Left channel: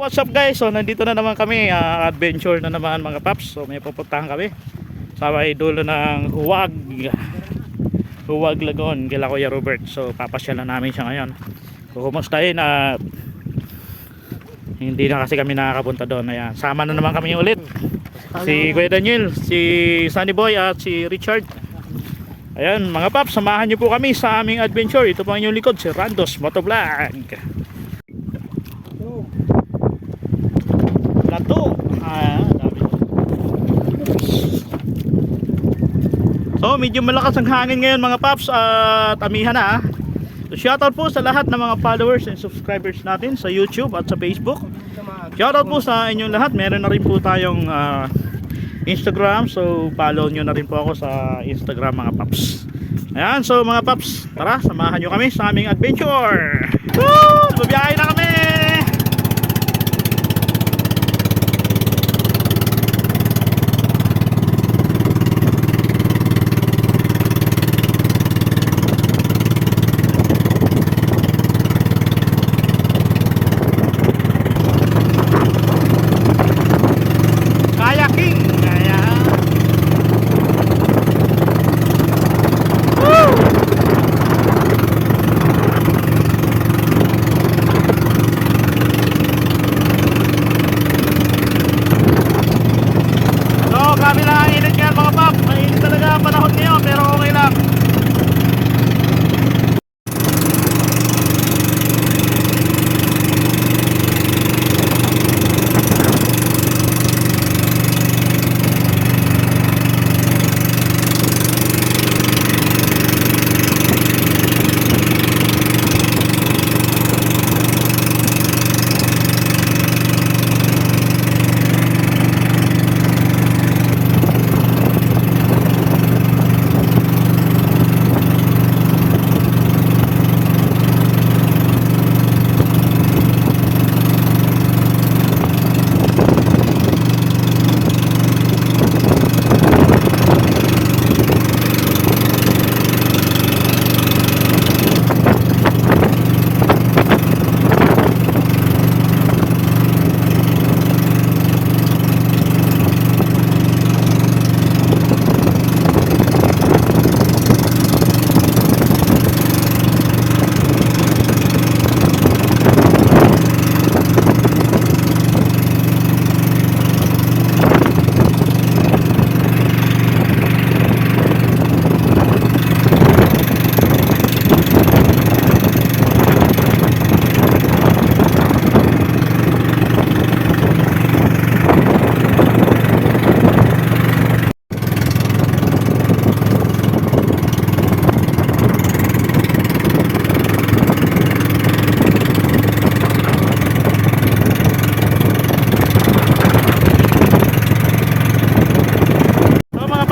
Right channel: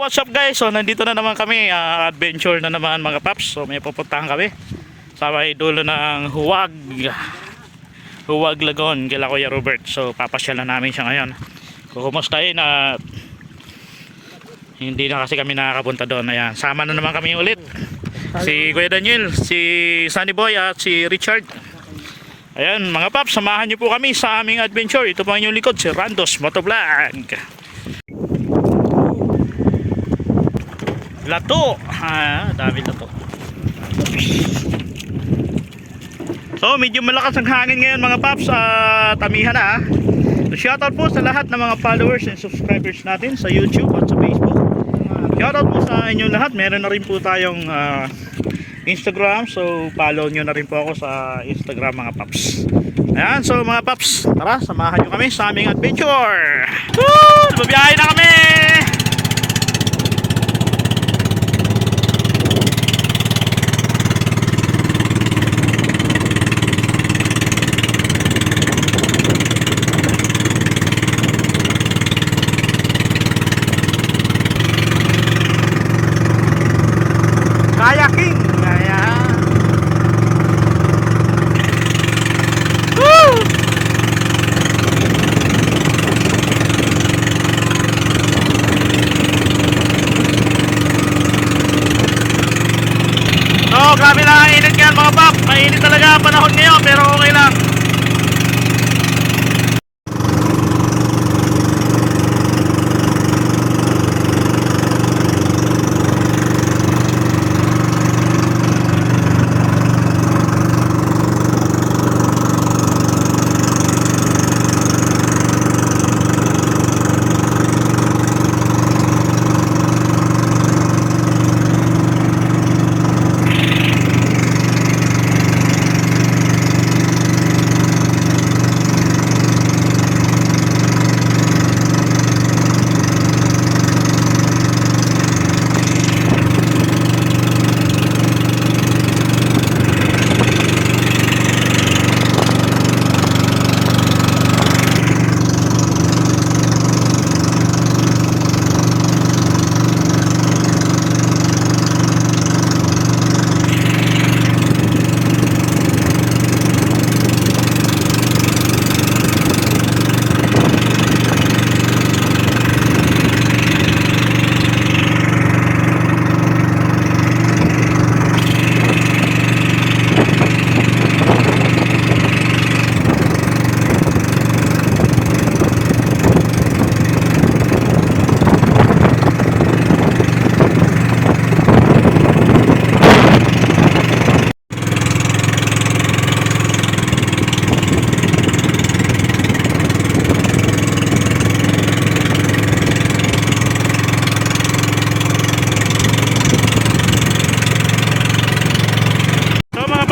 What's up guys? So nandito na naman kami, adventure na naman mga paps. So may pupuntahan kami sa may dulo ng Huwag Lagoon kila Kuya Robert. So papasyalan namin siya ngayon. So kumustahin at hindi na kasi kami nakakapunta doon. Ayan, sama na naman kami ulit. Si Kuya Daniel, si Sunny Boy at si Richard. Ayan mga paps, samahan niyo po kami sa aming adventure. Ito po ang inyong likod, si Randos Motovlog. Lato, dami na to. So medyo malakas ang hangin ngayon mga paps at amihan na. So shoutout po sa lahat ng mga followers and subscribers natin sa YouTube at sa Facebook. Shoutout po sa inyong lahat. Meron na rin po tayong Instagram, so follow nyo na rin po ako sa Instagram mga paps. Ayan, so mga paps, tara samahan nyo kami sa aming adventure. Woo! Babiyahe na kami. Kayaking, ayan. Woo! So grabe na ang init ngayon mga pap. Mainit talaga ang panahon ngayon pero okay lang.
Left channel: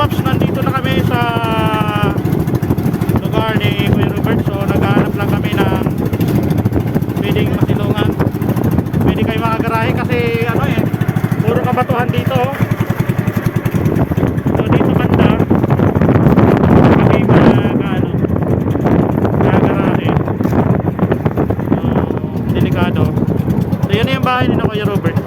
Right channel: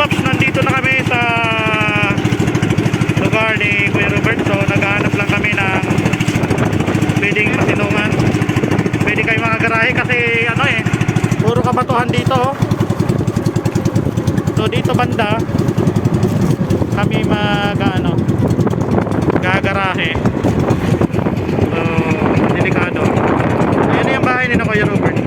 Nandito na kami sa lugar ni Kuya Robert. So naghahanap lang kami ng pwedeng masilungan, pwede kayo makagarahe kasi ano puro kabatuhan dito. So dito banda kami gagarahe. So delikado. Ayun na yung bahay ni Kuya Robert.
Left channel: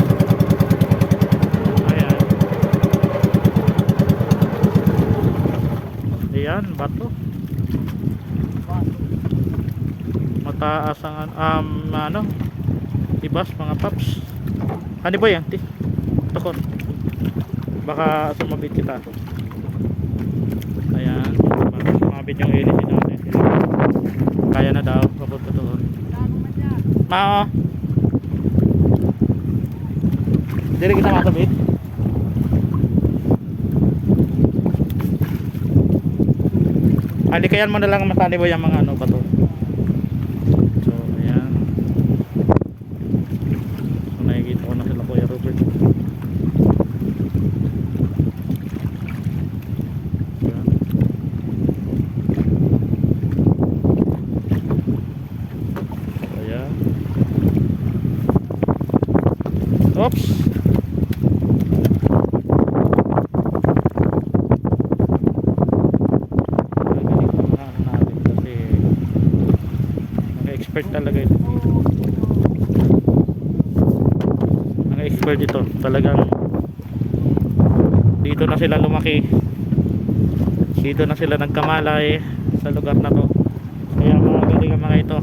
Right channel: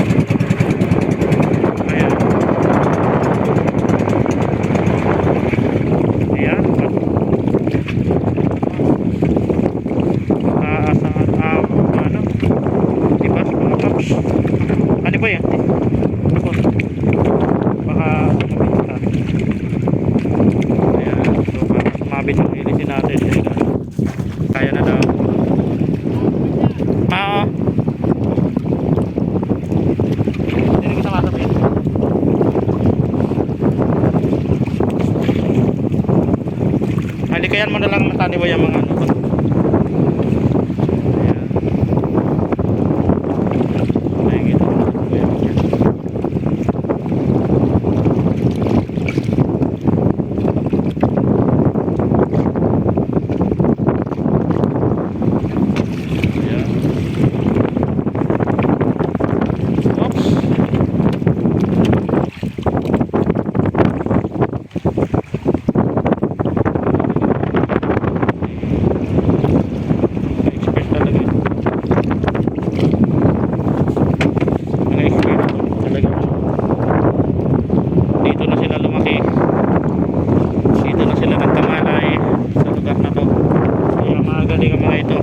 Mataas ang ibas mga paps. Ano ba yan? Ako baka sumabit kita. Ayan, sumabit yung ilisin natin. Kaya na daw. Hindi kita masabit. Halikayan mo na lang matani ba yung mga bato. dito na sila lumaki, dito na sila nagkamalay sa lugar na to. Kaya mga galing ang mga ito,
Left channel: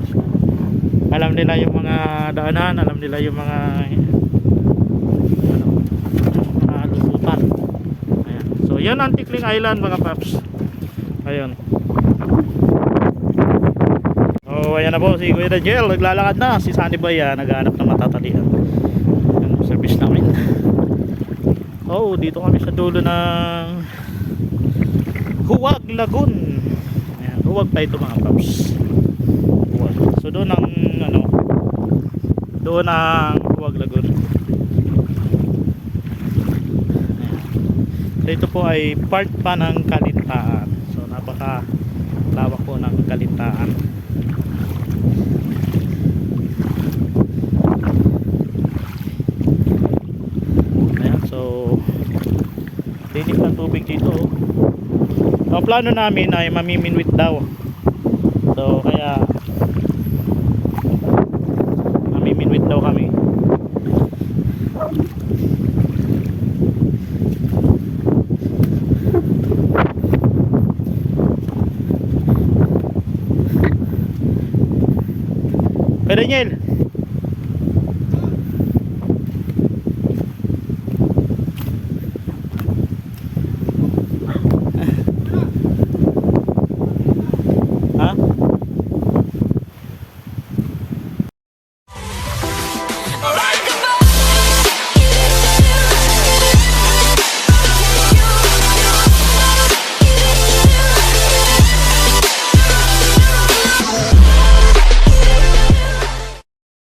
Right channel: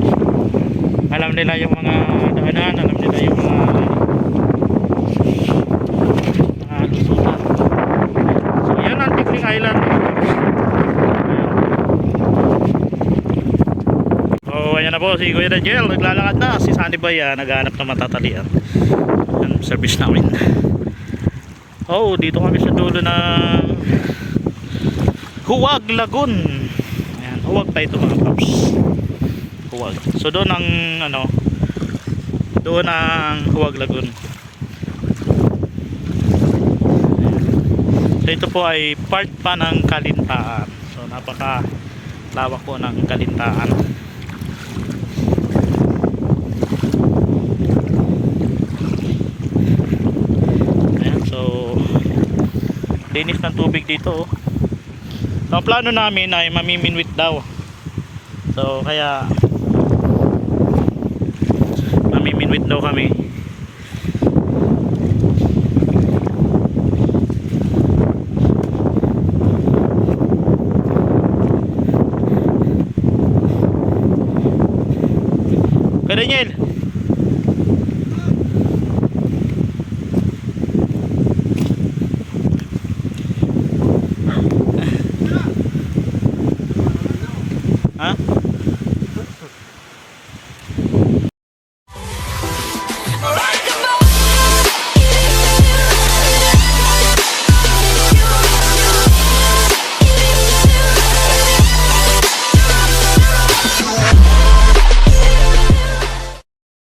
alam nila yung mga daanan, alam nila yung mga lusutan. So yan ang Tikling Island mga paps. Ayun. Oh, ayan na po si Kuya Daniel, naglalakad na. Si Sunny Boy naghahanap ng matatalian. Yan service namin. Oh, dito kami sa dulo ng Huwag Lagoon. Ayan, huwag pa ito mga paps. Huwag. So doon ang doon ang Huwag Lagoon. So ito po ay part pa ng Kalintaan. So napaka lawak po ng Kalintaan. Ayan, so linis ng tubig dito. So ang plano namin ay mamiminwit daw. So kaya mamiminwit daw kami.